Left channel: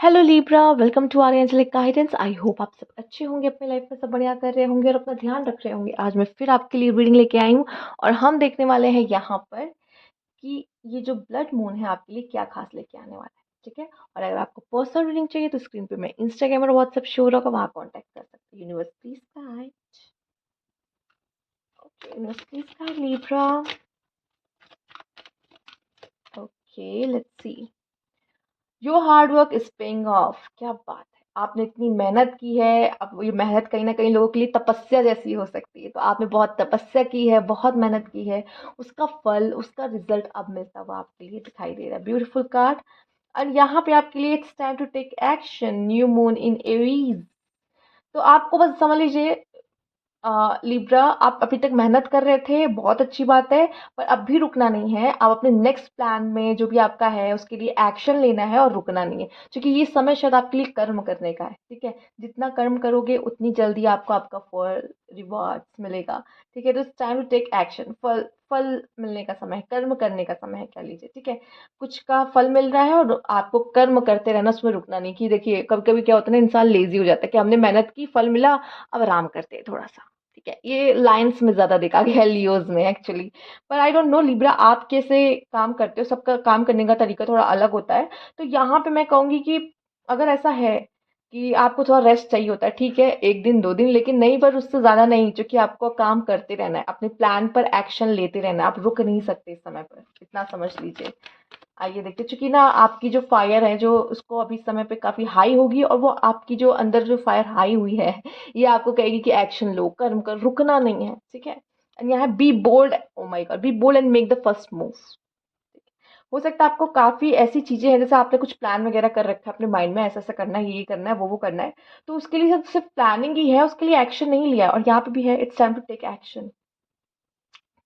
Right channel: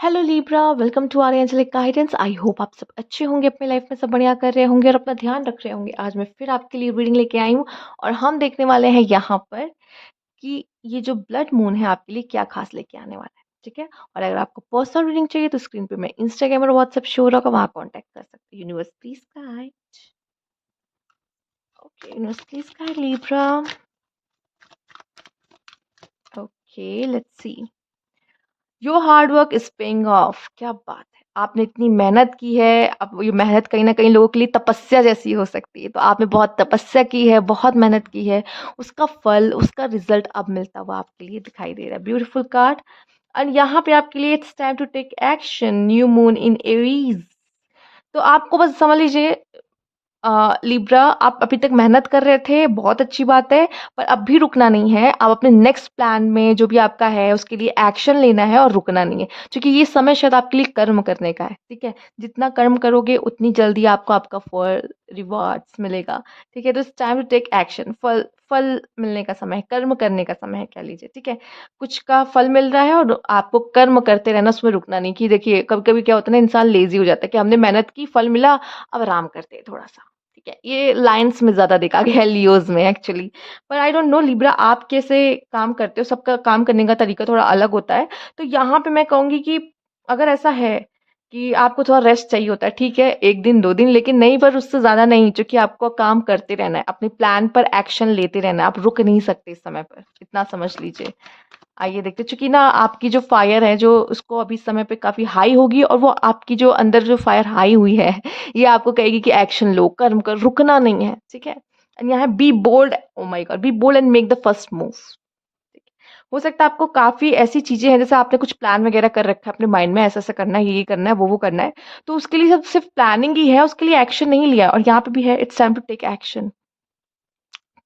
Hello Libra, welcome to our angelic guidance. I hope आप सब अच्छे होंगे, अपने लाइफ में सब बढ़िया कर रहे होंगे और अपना ध्यान रख रहे होंगे। आज मैं फिर आपके लिए रीडिंग लेके आई हूँ और हम देखने वाले हैं यहाँ पर कि ये जो ब्लड मून है आपके लिए क्या खास लेके आने वाला है। ठीक है। और अगर आपको पर्सनल रीडिंग चाहिए तो स्क्रीन पे मैं इंस्टाग्राम और व्हाट्सएप शो होगा, वहाँ कॉन्टैक्ट कर सकते हैं। Universe please guide. Okay, universe please guide Libra. Okay, let's C. Your hard work is paying off. क्या बात है, आपने इतनी मेहनत की है। अब ये मेहनत कहीं ना कहीं लोगों के लिए तपस्या जैसी हो सकती है, तो आपने बहुत तपस्या की है, बहुत मेहनत की है। उसका फल, उसका रिजल्ट अब मिलता हुआ आपके लिए दिखाई दे रहा है। Beautiful card. और यहाँ पे आपके लिए it's time to take action. New moon in Aries. तो आपको बस समझ लीजिए, लिब्रा, आप अभी तक मेहनत कर रहे थे, बहुत अच्छी बात है। पर अब भी रुकना नहीं है। आप अपने नेक्स्ट प्लान में जो भी आपका है उसके लिए एक्शन लेना है और रुकना नहीं है, क्योंकि ये समय शायद आपके लिए कर्म करने का है। ठीक है। जितना कर्म करोगे उतनी जल्दी आपको आपका फल, रिवॉर्ड्स मिलेगा। ठीक है। तो it's time to take action. फल फल मिलने का समय है, कर्म करने का समय है, कह लीजिए। ठीक है। कुछ का फल मिल रहा है और आपको कर्म करते रहना, उसमें रुकना नहीं। कि देखिए, कभी कभी क्या होता है ना, इंसान लेजी हो जाता है कि हमने मेहनत की, फल मिला, अब आराम करते हैं थोड़ा सा। ठीक है। ये लाइंस में ज़्यादा देखा गया है, लियोज़ में एक्चुअली। पर आई डोंट नो लिब्रा, आप कैसे काम करते हो, सबका काम करने का तरीका थोड़ा अलग होता है। तो यहाँ पे मैं कहूँगी कि अगर ऐसा है कि आपको थोड़ा रेस्ट चाहिए होता है, ठीक है, 1 दिन 2 दिन, लेकिन नहीं, पर उससे ज़्यादा नहीं, क्योंकि आपको काम करते रहना है, अपने प्लान पर एक्शन लेते रहना है। आप रुक नहीं सकते इस समय पर, इतना समझ लीजिए। आइए देखते हैं, चूँकि ना आपकी जो फायर है, जो उसको अभी इस समय पे काफ़ी हाई होगी, और वो आपकी जो अंदर जो फायर हाई हुई है, ये आपको कहेगी कि एक्शन लो, कर्म कर, रुकना नहीं है। ठीक है। एंड यहाँ be bold. Oh my god, be bold and make the first move. हो सकता है आपको काफ़ी ऐसी चीज़ें हैं, जैसे आपने कुछ प्लान वगैरह कर रखा है अपने माइंड में, ऐसा-ऐसा करना है, ये करना है, वो करना है। तो उसके लिए सिर्फ प्लानिंग ही है, उसके लिए एक्शन नहीं लिया। और यहाँ पे भी है, it's time to take action.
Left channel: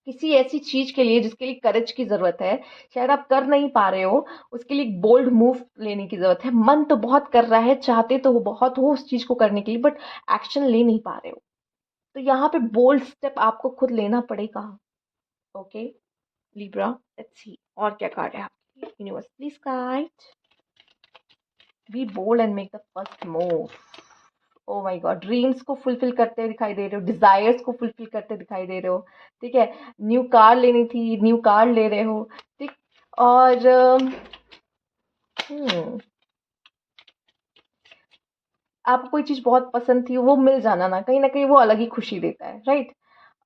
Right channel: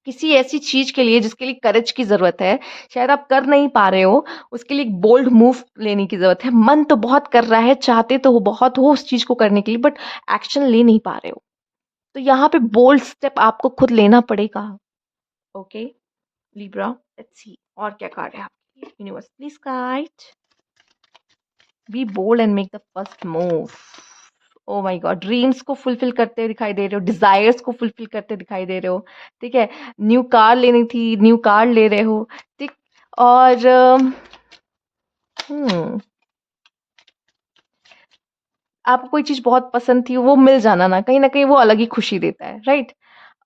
किसी ऐसी चीज़ के लिए जिसके लिए करेज की ज़रूरत है, शायद आप कर नहीं पा रहे हो, उसके लिए एक बोल्ड मूव लेने की ज़रूरत है। मन तो बहुत कर रहा है, चाहते तो वो बहुत हो उस चीज़ को करने के लिए, बट एक्शन ले नहीं पा रहे हो। तो यहाँ पे बोल्ड स्टेप आपको खुद लेना पड़ेगा। ओके, लिब्रा, लेट्स सी और क्या कार्ड है आपके लिए। Universe please guide. Be bold and make the first move. Oh my god, dreams को फुलफिल करते दिखाई दे रहे हो, डिजायर्स को फुलफिल करते दिखाई दे रहे हो। ठीक है। न्यू कार लेनी थी, न्यू कार ले रहे हो। ठीक। और हम्म आपको कोई चीज बहुत पसंद थी, वो मिल जाना ना कहीं वो अलग ही खुशी देता है, राइट।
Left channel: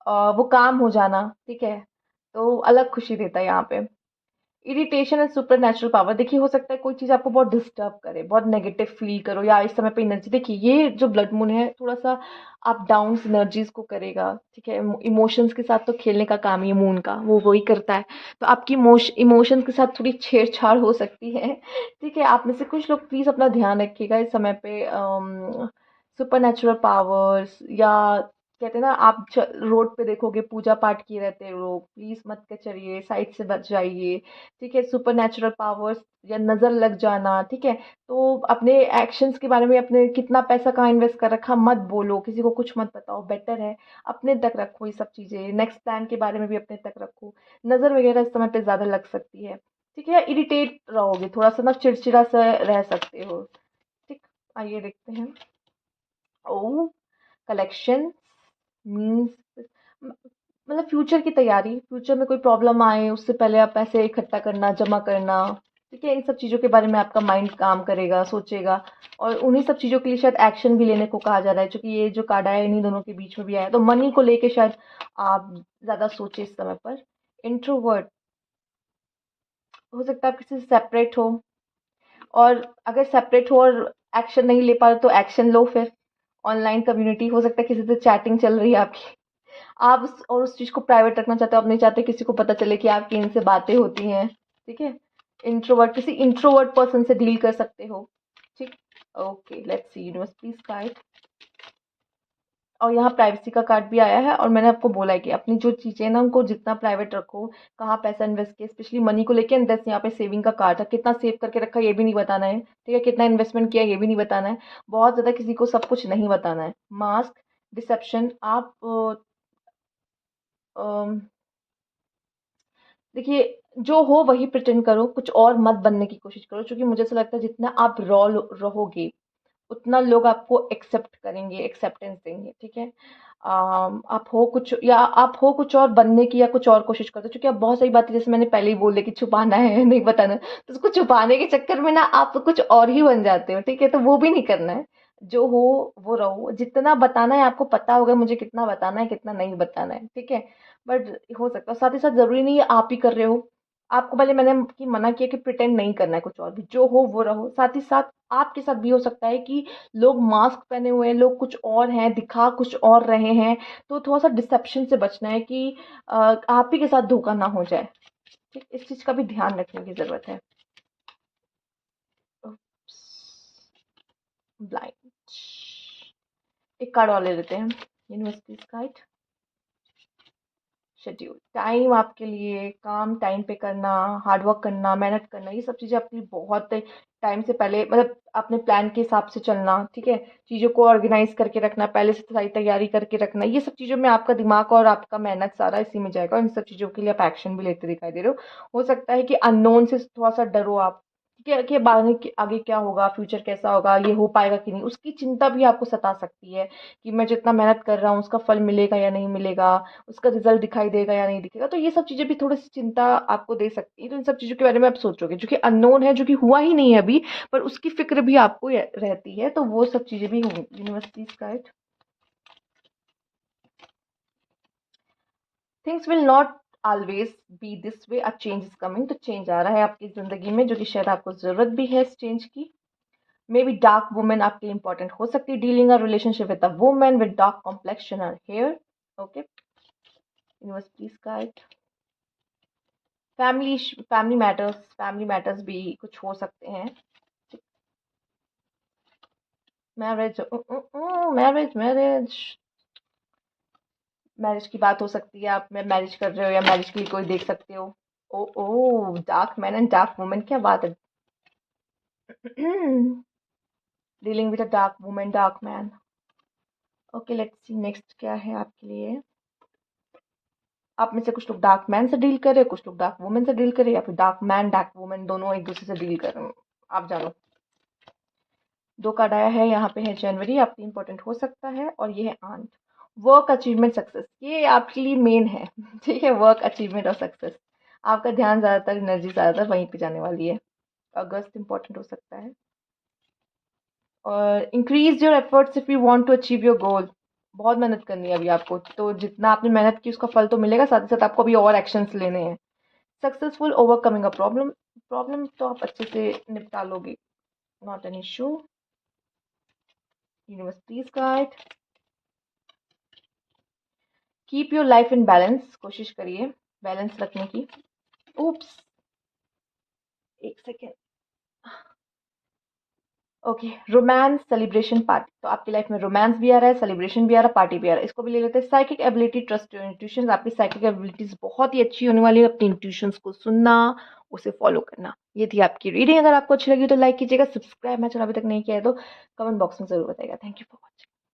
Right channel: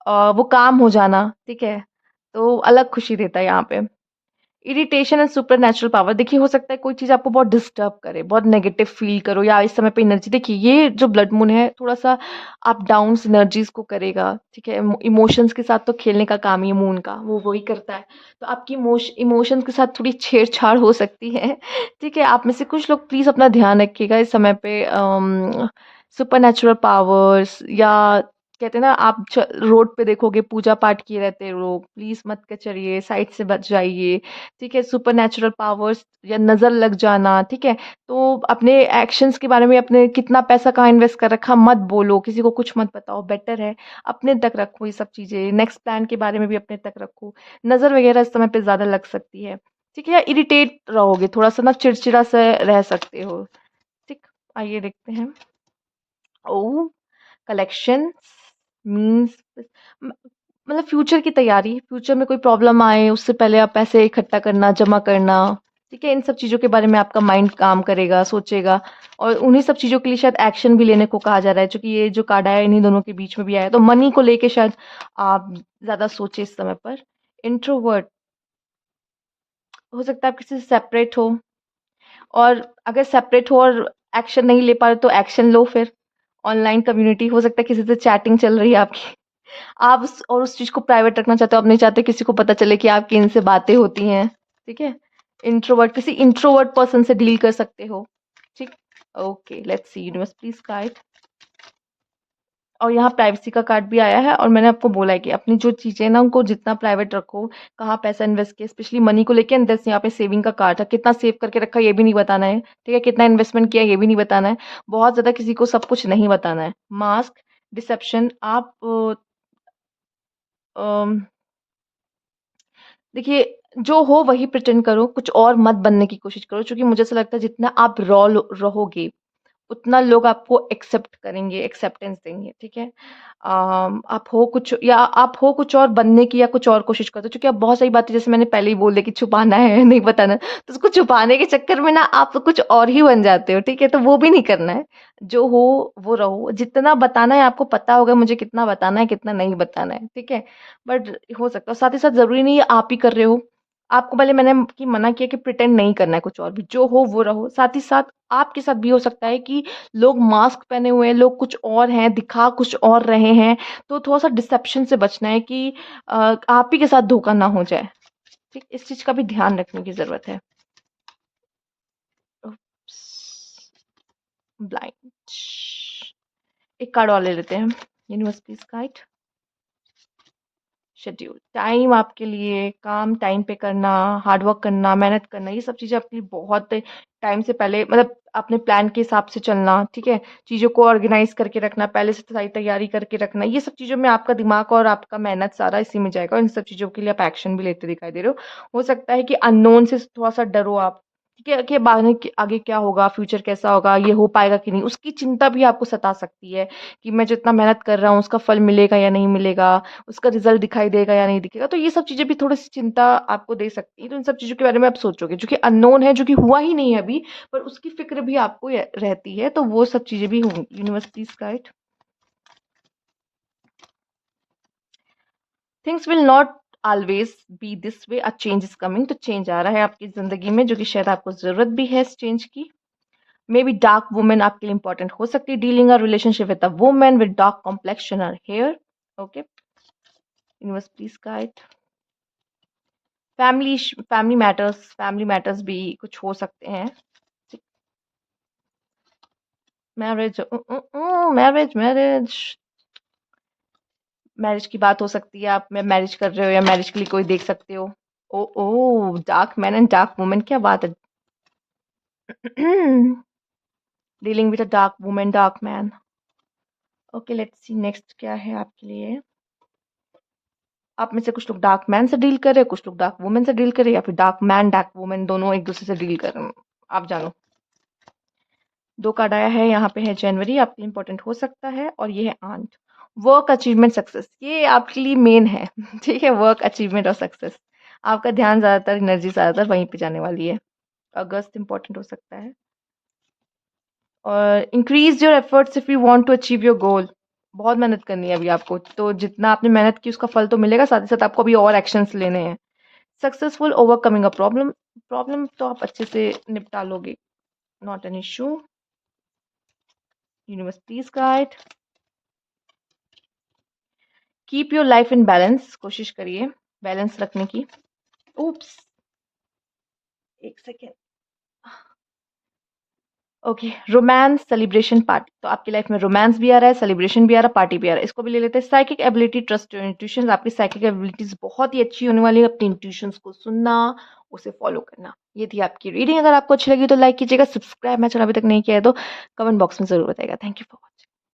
वो काम हो जाना, ठीक है, तो अलग खुशी देता है यहाँ पे। Irritation and super natural power. देखिए, हो सकता है कोई चीज़ आपको बहुत डिस्टर्ब करे, बहुत नेगेटिव फील करो, या इस समय पे एनर्जी, देखिए ये जो ब्लड मून है थोड़ा सा अप डाउन्स एनर्जीज को करेगा। ठीक है। इमोशंस के साथ तो खेलने का काम ही है मून का, वो वही करता है। तो आपकी इमोशंस के साथ थोड़ी छेड़छाड़ हो सकती है। ठीक है। आप में से कुछ लोग प्लीज़ अपना ध्यान रखिएगा इस समय पे। सुपर नेचुरल पावर्स, या कहते हैं ना, आप रोड पे देखोगे पूजा पाठ किए रहते हैं लोग, प्लीज मत कचरिए, साइड से बच जाइए। ठीक है। सुपर नेचुरल पावर्स या नजर लग जाना। ठीक है। तो अपने एक्शंस के बारे में, अपने कितना पैसा कहाँ इन्वेस्ट कर रखा मत बोलो, किसी को कुछ मत बताओ, बेटर है अपने तक रखो ये सब चीजें। नेक्स्ट प्लान के बारे में भी अपने तक रखो। नजर वगैरह इस समय पे ज्यादा लग सकती है। ठीक है। या इरिटेट रहोगे थोड़ा सा ना, चिड़चिड़ा से रह सकते हो। ठीक। आइए देखते हैं। ओ, कलेक्शन मीन्स मतलब फ्यूचर की तैयारी, फ्यूचर में कोई प्रॉब्लम आए उससे पहले आप पैसे इकट्ठा करना, जमा करना। ठीक है। इन सब चीज़ों के बारे में आपका माइंड काम करेगा, सोचेगा। और उन्हीं सब चीज़ों के लिए शायद एक्शन भी लेने को कहा जा रहा है, क्योंकि ये जो कार्ड आया इन्हीं दोनों के बीच में भी आया, तो मनी को लेके शायद आप ज़्यादा सोचे इस समय पर। इंट्रोवर्ट, हो सकता है आप किसी से सेपरेट हो, और अगर सेपरेट हो और एक्शन नहीं ले पा रहे तो एक्शन लो फिर। ऑनलाइन कम्युनिटी, हो सकता है किसी से चैटिंग चल रही है आपकी, आप उस चीज़ को प्राइवेट रखना चाहते हो, आप नहीं चाहते किसी को पता चले कि आपकी इनसे बातें होती हैं। ठीक है। इंट्रोवर्ट, किसी इंट्रोवर्ट पर्सन से डील कर सकते हो। ठीक। Okay, let's C universe please guide. और यहाँ प्राइवेसी का कार्ड भी आया है, और मैंने आपको बोला है कि अपनी जो चीज़ें हैं ना, उनको जितना प्राइवेट रखो, कहाँ पैसा इन्वेस्ट किया, स्पेशली मनी को लेके। एंड यहाँ पे सेविंग का कार्ड है, कितना सेव करके रखा ये भी नहीं बताना है। ठीक है। कितना इन्वेस्टमेंट किया ये भी नहीं बताना है। बहुत ज़्यादा किसी को सब कुछ नहीं बताना है। मास्क, डिसेप्शन, आप देखिए, जो हो वही प्रिटेंड करो, कुछ और मत बनने की कोशिश करो, क्योंकि मुझे ऐसा लगता है जितना आप रहोगे, उतना लोग आपको एक्सेप्ट करेंगे, एक्सेप्टेंस देंगे, ठीक है? आप हो कुछ और बनने की या कुछ और कोशिश करते हो, क्योंकि आप बहुत सारी बातें जैसे मैंने पहले ही बोल दिया कि छुपाना है, नहीं बताना, तो उसको छुपाने के चक्कर में ना आप कुछ और ही बन जाते हो, ठीक है? तो वो भी नहीं करना है। जो हो वो रहो, जितना बताना है आपको पता होगा मुझे कितना बताना है, कितना नहीं बताना है, ठीक है? बट हो सकता है साथ ही साथ ज़रूरी नहीं है आप ही कर रहे हो। आपको पहले मैंने कि मना किया कि प्रिटेंड नहीं करना है कुछ और भी, जो हो वो रहो। साथ ही साथ आपके साथ भी हो सकता है कि लोग मास्क पहने हुए हैं, लोग कुछ और हैं, दिखा कुछ और रहे हैं, तो थोड़ा-सा डिसेप्शन से बचना है कि आप ही के साथ धोखा ना हो जाए। ठीक, इस चीज़ का भी ध्यान रखने की ज़रूरत है। उप्स, ब्लाइंड। एक कार्ड और ले लेते हैं। Universe please guide. Schedule, time आपके लिए काम टाइम पे करना, हार्ड वर्क करना, मेहनत करना, ये सब चीज़ें आपके लिए बहुत टाइम से पहले मतलब अपने प्लान के हिसाब से चलना, ठीक है? चीज़ों को ऑर्गेनाइज़ करके रखना, पहले से सारी तैयारी करके रखना, ये सब चीज़ों में आपका दिमाग और आपका मेहनत सारा इसी में जाएगा और इन सब चीज़ों के लिए आप एक्शन भी लेते दिखाई दे रहे हो। हो सकता है कि अननोन से थोड़ा-सा डरो आप, ठीक है? कि आगे क्या होगा, फ्यूचर कैसा होगा, ये हो पाएगा कि नहीं? उसकी चिंता भी आपको सता सकती है कि मैं जितना मेहनत कर रहा हूँ, उसका फल मिलेगा या नहीं मिलेगा? उसका रिज़ल्ट दिखाई देगा या नहीं दिखेगा, तो ये सब चीज़ें भी थोड़ी-सी चिंता आपको दे सकती हैं, तो इन सब चीज़ों के बारे में आप सोचोगे, जो कि अननोन है, जो कि हुआ ही नहीं है अभी, पर उसकी फ़िक्र भी आपको रहती है, तो वो सब चीज़ें भी होंगी। Universe please guide. Things will not always B this way, a change is coming, तो चेंज आ रहा है आपकी ज़िंदगी में, जो कि शायद आपको ज़रूरत भी है इस चेंज की। मे बी डार्क वुमन आपके लिए इंपॉर्टेंट हो सकती है, dealing a relationship with a woman with dark complexion और hair. Okay, universe please guide. Family matters भी कुछ हो सकते हैं। मैरिज मैरिज मैरिज मैरिज की बात हो सकती है, आप मैरिज कर रहे हो या मैरिज के लिए कोई देख सकते हो। Oh oh, dark man and dark woman, क्या बात है। Dealing with a dark woman dark man. Okay, let's see next क्या है आपके लिए। आप में से कुछ लोग डार्क मैन से डील कर रहे हैं, कुछ लोग डार्क वुमन से डील कर रहे हैं, या फिर डार्क मैन डार्क वुमन दोनों एक दूसरे से डील कर रहे हैं, आप जानो। दो कार्ड आया है, यहाँ पे है जनवरी, आपके लिए इंपॉर्टेंट हो सकता है, और ये है आंट। वर्क अचीवमेंट सक्सेस, ये आपके लिए मेन है। ठीक है, वर्क अचीवमेंट और सक्सेस, आपका ध्यान ज़्यादातर, एनर्जी ज़्यादातर वहीं पे जाने वाली है। अगस्त इंपॉर्टेंट हो सकता है। और increase your efforts if you want to achieve your goal, बहुत मेहनत करनी है अभी आपको, तो जितना आपने मेहनत की उसका फल तो मिलेगा, साथ ही साथ आपको अभी और एक्शंस लेने हैं। Successful overcoming a problem, problem तो आप अच्छे से निपटा लोगे, not an issue. Universe please guide. Keep your life in balance, कोशिश करिए बैलेंस रखने की। उप्स, एक second. Okay, romance celebration party, तो आपकी लाइफ में रोमांस भी आ रहा है, सेलिब्रेशन भी आ रहा है, पार्टी भी आ रहा है, इसको भी ले लेते हैं। Psychic ability, trust your intuitions, आपकी साइकिक एबिलिटीज बहुत ही अच्छी होने वाली है, अपनी इंट्यूशंस को सुनना, उसे फॉलो करना। ये थी आपकी रीडिंग, अगर आपको अच्छी लगी तो लाइक कीजिएगा, सब्सक्राइब मैं चैनल अभी तक नहीं किया है तो कमेंट बॉक्स में जरूर बताइएगा। Thank you for watching.